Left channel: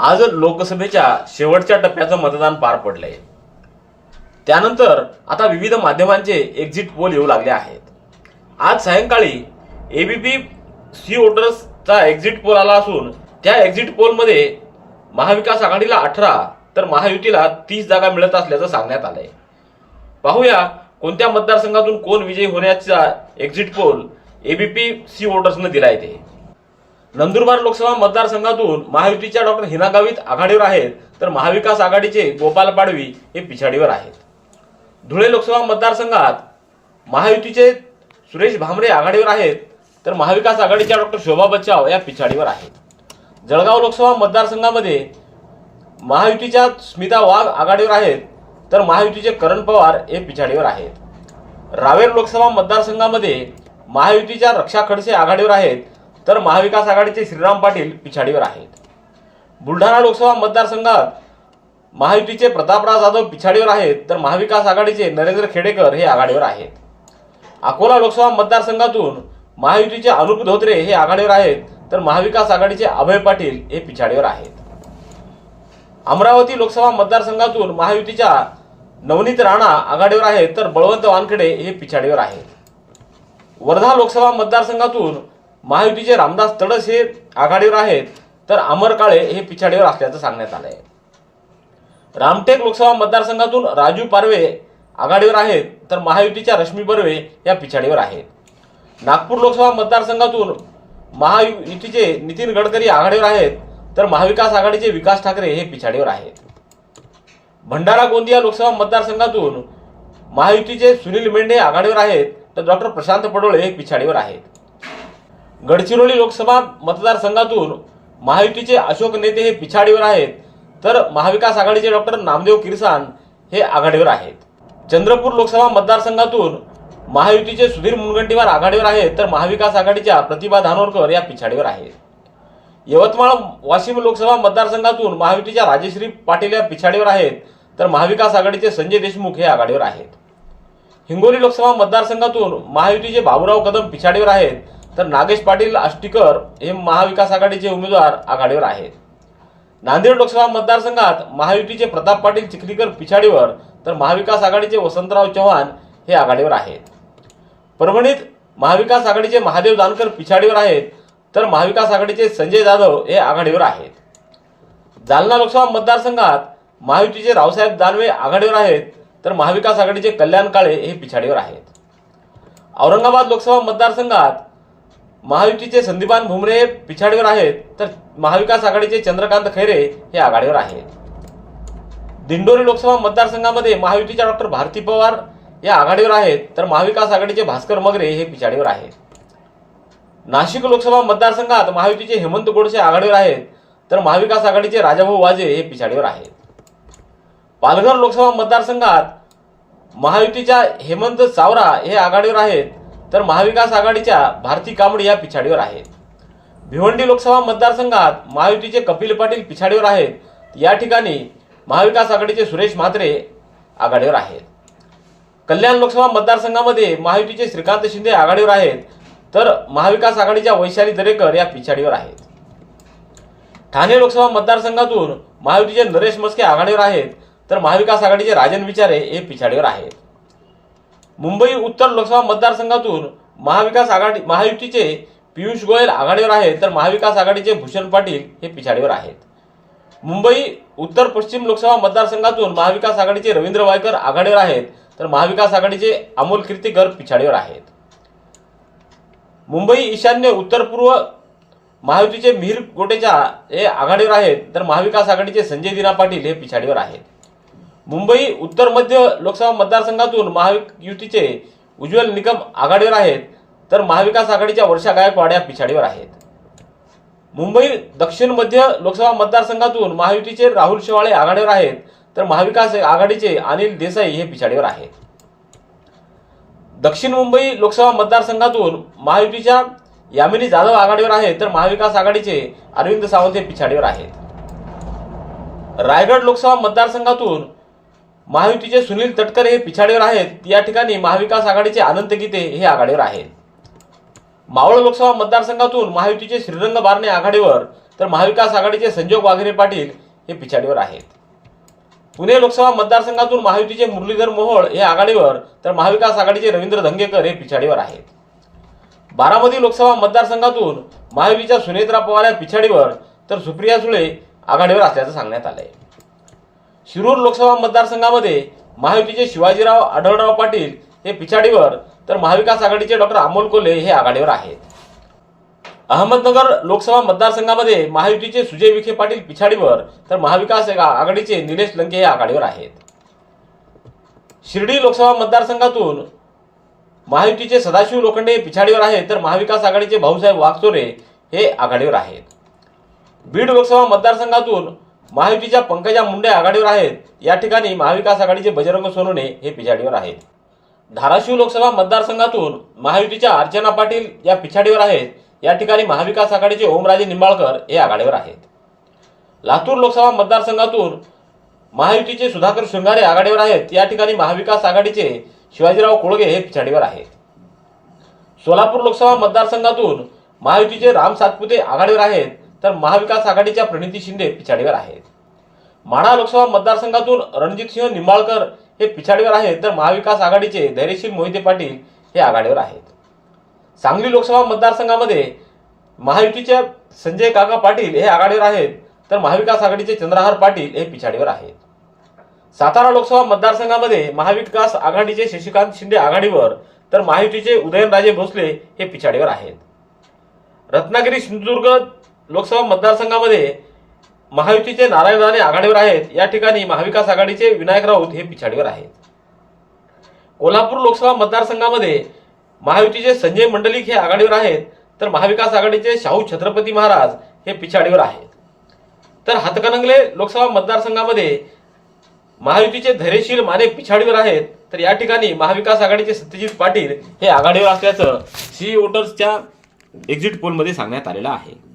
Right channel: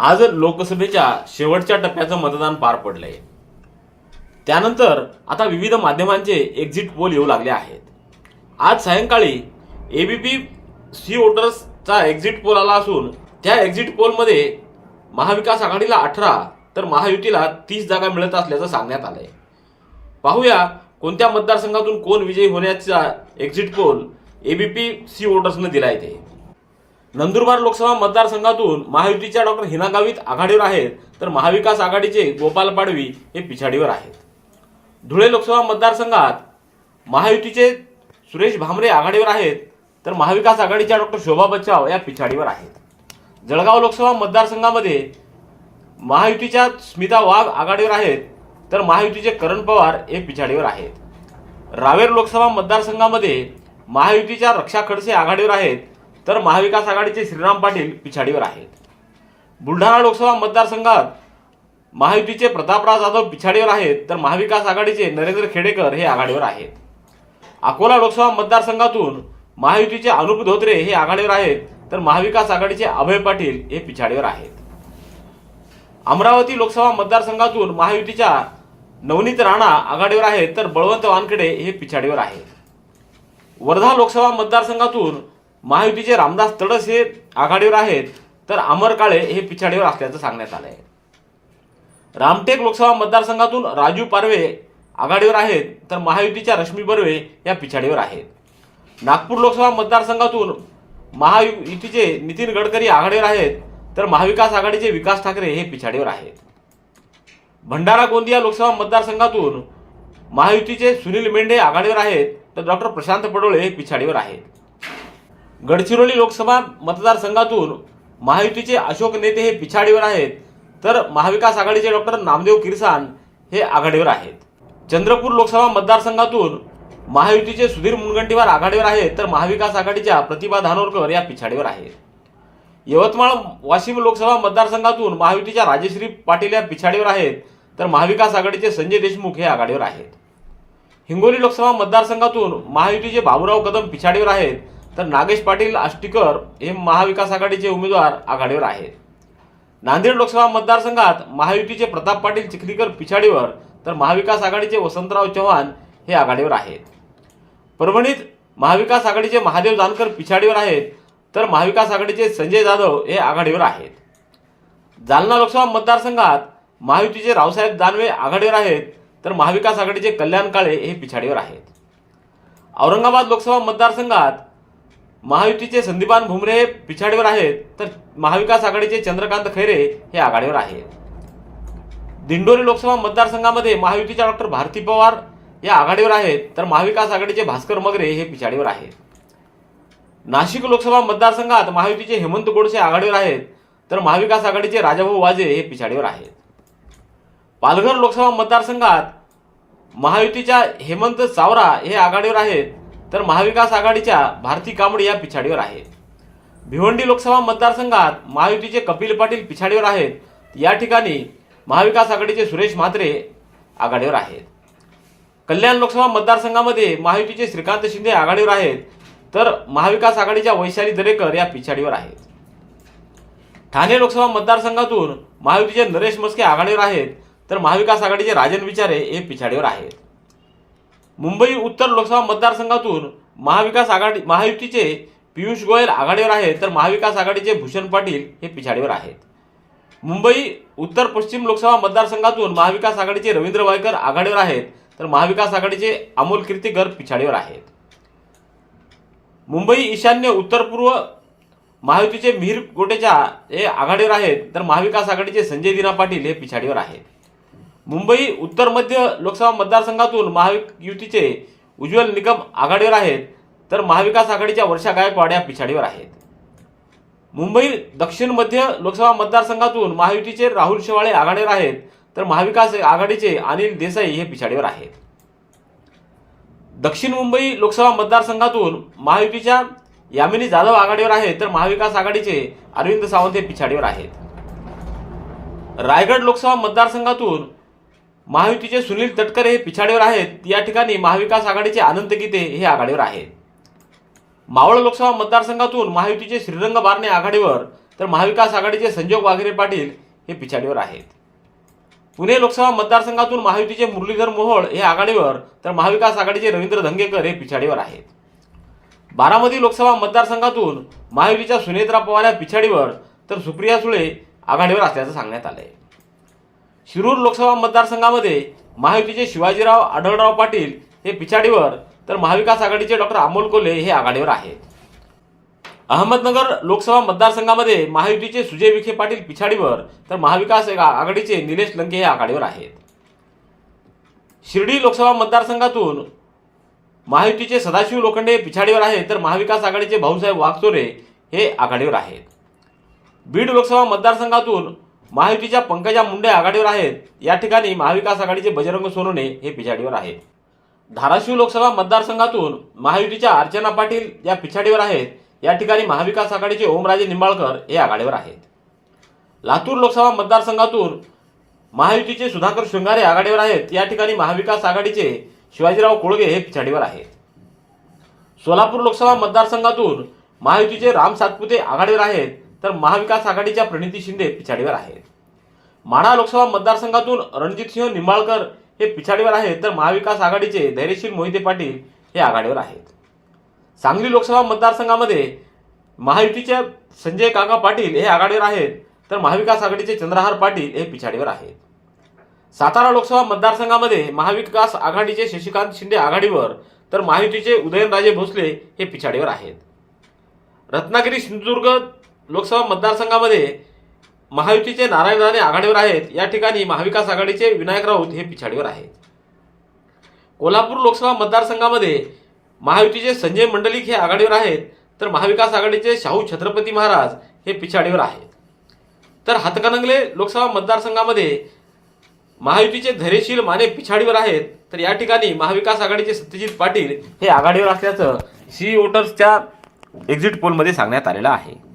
आज लोकसभेच्या शेवटच्या टप्प्याचं मतदान पार पडलंय. त्यानंतर आता विविध माध्यमांचे एक्झिट पोल येऊ लागले आहेत. आज सायंकाळी एबीपी सी वोटर्सचा एक्झिट पोल आला असून त्या एक्झिट पोलमध्ये महाविकास आघाडीला अठरा तर महायुतीला तीस जागा मिळत असल्याचं सांगण्यात आलंय. पाहूया कोणत्या मतदारसंघातून कोण विजयी होण्याचा एक्झिट पोल एबीपी सी वोटर्सनं दिलाय ते. नंदुरबार लोकसभा मतदारसंघातून महायुतीच्या डॉक्टर हिना गावित आघाडीवर आहेत तर महाविकास आघाडीचे गोपाल पाडवी हे पिछाडीवर आहेत. धुळे लोकसभा मतदारसंघात महायुतीचे सुरेश भामरे आघाडीवर आहेत तर महाविकास आघाडीच्या डॉक्टर शोभा बच्चाव या पिछाडीवर आहेत. जळगाव लोकसभा मतदारसंघामध्ये महायुतीच्या स्मिता वाघ आघाडीवर आहेत तर महायुतीचे करण पवार हे पिछाडीवर आहेत. रावेर लोकसभा मतदारसंघामध्ये महायुतीच्या रक्षा खडसे आघाडीवर आहेत तर महाविकास आघाडीचे श्रीराम पाटील पिछाडीवर आहेत. बुलढाणा लोकसभा मतदारसंघात महायुतीचे प्रतापराव जाधव पिछाडीवर आहेत तर महाविकास आघाडीचे नरेंद्र खेडेकर हे आघाडीवर आहेत. अकोला लोकसभा मतदारसंघातून महायुतीचे अनुप धोत्रे हे आघाडीवर आहेत तर महाविकास आघाडीचे अभय पाटील हे पिछाडीवर आहेत. अमरावती लोकसभा मतदारसंघातून महायुतीच्या नवनीत राणा आघाडीवर आहेत तर बळवंत वानखेडे हे पिछाडीवर आहेत. वर्धा लोकसभा मतदारसंघातून महायुतीचे रामदास तडस हे आघाडीवर आहेत तर अमर काळे हे पिछाडीवर असल्याचं सांगण्यात आलं आहे रामटेक लोकसभा मतदारसंघातून राजू पारवे आघाडीवर आहेत तर महायुतीच्या रश्मी बर्वे या पिछाडीवर आहेत. नागपूर लोकसभा मतदारसंघातून महायुतीचे नितीन गडकरी आघाडीवर आहेत तर महाविकास आघाडीचे विकास ठाकरे हे पिछाडीवर आहेत. भंडारा गोंदिया लोकसभा मतदारसंघातून महायुतीचे सुनील मेंढे आघाडीवर आहेत तर डॉक्टर प्रशांत पडोळे हे पिछाडीवर आहेत. गडचिरोली लोकसभा मतदारसंघातून महायुतीचे अशोक नेते हे पिछाडीवर आहेत. तर महाविकास आघाडीचे डॉक्टर नामदेव किरसान हे आघाडीवर आहेत. चंद्रपूर लोकसभा मतदारसंघातून महायुतीचे सुधीर मुनगंटीवार आघाडीवर आहेत. तर महाविकास आघाडीच्या प्रतिभा धानोरकर या पिछाडीवर आहेत. यवतमाळ वाशिम लोकसभा मतदारसंघातून महायुतीच्या राजश्री पाटील या पिछाडीवर आहेत. तर महाविकास आघाडीचे संजय देशमुख हे आघाडीवर आहेत. हिंगोली लोकसभा मतदारसंघातून महायुतीचे बाबुराव कदम पिछाडीवर आहेत. तर नागेश पाटील आष्टीकर हे महाविकास आघाडीचे उमेदवार आघाडीवर आहेत. नांदेड लोकसभा मतदारसंघात महायुतीचे प्रताप पाटील चिखलीकर पिछाडीवर तर महाविकास आघाडीचे वसंतराव चव्हाण हे आघाडीवर आहेत. परभणीत महाविकास आघाडीचे महादेव जानकर पिछाडीवर आहेत तर महाविकास आघाडीचे संजय जाधव हे आघाडीवर आहेत. जालना लोकसभा मतदारसंघात महायुतीचे रावसाहेब दानवे आघाडीवर आहेत तर महाविकास आघाडीचे कल्याण काळे हे पिछाडीवर आहेत. औरंगाबाद लोकसभा मतदारसंघात महायुतीचे संदीपान भुमरे पिछाडीवर आहेत तर महाविकास आघाडीचे चंद्रकांत खैरे हे आघाडीवर आहेत. दिंडोरी लोकसभा मतदारसंघामध्ये महायुतीच्या डॉक्टर भारती पवार या आघाडीवर आहेत तर महाविकास आघाडीचे भास्कर मगरे हे पिछाडीवर आहेत. नाशिक लोकसभा मतदारसंघात महायुतीचे हेमंत गोडसे आघाडीवर आहेत तर महाविकास आघाडीचे राजाभाऊ वाजे हे पिछाडीवर आहेत. पालघर लोकसभा मतदारसंघात महायुतीच्या हेमंत चावरा हे आघाडीवर आहेत तर महाविकास आघाडीच्या भारती कांबडी या पिछाडीवर आहेत. भिवंडी लोकसभा मतदारसंघात महायुतीचे कपिल पाटील पिछाडीवर आहेत. या ठिकाणी महाविकास आघाडीचे सुरेश म्हात्रे आघाडीवर आहेत. कल्याण लोकसभा मतदारसंघामध्ये महायुतीचे श्रीकांत शिंदे आघाडीवर आहेत. तर महाविकास आघाडीच्या वैशाली दरेकर या पिछाडीवर आहेत. ठाणे लोकसभा मतदारसंघातून महायुतीचे नरेश मस्के आघाडीवर आहेत. तर महाविकास आघाडीचे राजन विचारे हे पिछाडीवर आहेत. मुंबई उत्तर लोकसभा मतदारसंघातून महाविकास आघाडी महायुतीचे पियुष गोयल आघाडीवर आहेत तर महाविकास आघाडीचे भूषण पाटील हे पिछाडीवर आहेत. मुंबई उत्तर पश्चिम लोकसभा मतदारसंघातून महाविकास आघाडीचे रवींद्र वायकर आघाडीवर आहेत तर महाविकास आघाडीचे अमोल कीर्तीकर पिछाडीवर आहेत. मुंबई ईशान्य उत्तर पूर्व महायुतीचे मिहीर गोटेच्या हे आघाडीवर आहेत तर महाविकास आघाडीचे संजय दिना पाटील हे पिछाडीवर आहेत. मुंबई उत्तर मध्य लोकसभा मतदारसंघातून महायुतीचे उज्ज्वल निकम आघाडीवर आहेत तर महाविकास आघाडीच्या वर्षा गायकवाड या पिछाडीवर आहेत. मुंबई दक्षिण मध्य लोकसभा मतदारसंघातून महायुतीचे राहुल शेवाळे आघाडीवर आहेत तर महाविकास आघाडीचे अनिल देसाई हे पिछाडीवर आहेत. दक्षिण मुंबई लोकसभा मतदारसंघातून महायुतीच्या यामिनी जाधव आघाडीवर आहेत तर महाविकास आघाडीचे अरविंद सावंत हे पिछाडीवर आहेत. रायगड लोकसभा मतदारसंघातून महायुतीचे सुनील तटकरे हे पिछाडीवर आहेत. या ठिकाणी महाविकास आघाडीचे अनंत गीते हे आघाडीवर आहेत. मावळ लोकसभा मतदारसंघातून महायुतीचे श्रीरंग बारणे आघाडीवर तर महाविकास आघाडीचे संजोग वाघेरे पाटील हे पिछाडीवर आहेत. पुणे लोकसभा मतदारसंघातून महायुतीचे मुरलीधर मोहोळ हे आघाडीवर तर महाविकास आघाडीचे रवींद्र धंगेकर हे पिछाडीवर आहेत. बारामती लोकसभा मतदारसंघातून महायुतीच्या सुनेत्रा पवार या पिछाडीवर तर सुप्रिया सुळे आघाडीवर असल्याचं सांगण्यात आलंय. शिरूर लोकसभा मतदारसंघामध्ये महायुतीचे शिवाजीराव आढळराव पाटील हे पिछाडीवर तर महाविकास आघाडीचे डॉक्टर अमोल कोल्हे हे आघाडीवर आहेत. अहमदनगर लोकसभा मतदारसंघामध्ये महायुतीचे सुजय विखे पाटील पिछाडीवर तर महाविकास आघाडीचे निलेश लंके हे आघाडीवर आहेत. शिर्डी लोकसभा मतदारसंघातून महायुतीचे सदाशिव लोखंडे पिछाडीवर आहेत तर महाविकास आघाडीचे भाऊसाहेब वाघचोरे हे आघाडीवर आहेत. बीड लोकसभा मतदारसंघातून महायुतीच्या पंकजा मुंडे आघाडीवर आहेत. या ठिकाणी महाविकास आघाडीचे बजरंग सोनवणे हे पिछाडीवर आहेत. धाराशिव लोकसभा मतदारसंघातून महायुतीच्या अर्चना पाटील या पिछाडीवर आहेत. या ठिकाणी महाविकास आघाडीचे ओमराजे निंबाळकर हे आघाडीवर आहेत. लातूर लोकसभा मतदारसंघातून महायुतीचे सुधाकर शृंगारे आघाडीवर आहेत. या ठिकाणी महाविकास आघाडीचे शिवाजीराव कोळगे हे पिछाडीवर आहेत. सोलापूर लोकसभा मतदारसंघातून महायुतीचे राम सातपुते आघाडीवर आहेत. तर महाविकास आघाडीच्या प्रणिती शिंदे पिछाडीवर आहेत. माढा लोकसभा मतदारसंघातून रणजितसिंह निंबाळकर हे पिछाडीवर आहेत तर महाविकास आघाडीचे धैर्यशील मोहिते पाटील हे आघाडीवर आहेत. सांगली लोकसभा मतदारसंघामध्ये महायुतीच्या संजय काका पाटील हे आघाडीवर आहेत तर महाविकास आघाडीचे चंद्रहार पाटील हे पिछाडीवर आहेत. सातारा लोकसभा मतदारसंघामध्ये महाविकास आघाडीचे शशिकांत शिंदे आघाडीवर तर महायुतीचे उदयनराजे भोसले हे पिछाडीवर आहेत. रत्नागिरी सिंधुदुर्ग लोकसभा मतदारसंघामध्ये महायुतीचे नारायण राणे आघाडीवर आहेत. या ठिकाणी महाविकास आघाडीचे विनायक राऊत हे पिछाडीवर आहेत. कोल्हापूर लोकसभा मतदारसंघामध्ये महायुतीचे संजय मंडलिक हे आघाडीवर आहेत. तर महाविकास आघाडीचे शाहू छत्रपती महाराज हे पिछाडीवर आहेत. तर हातकणंगले लोकसभा मतदारसंघामध्ये महायुतीचे धैर्यशील माने पिछाडीवर आहेत. तर या ठिकाणी महाविकास आघाडीचे सत्यजित पाटील हे आघाडीवर असल्याचं सी वोटर्सच्या एक्झिट पोलमध्ये सांगण्यात आलेलं आहे.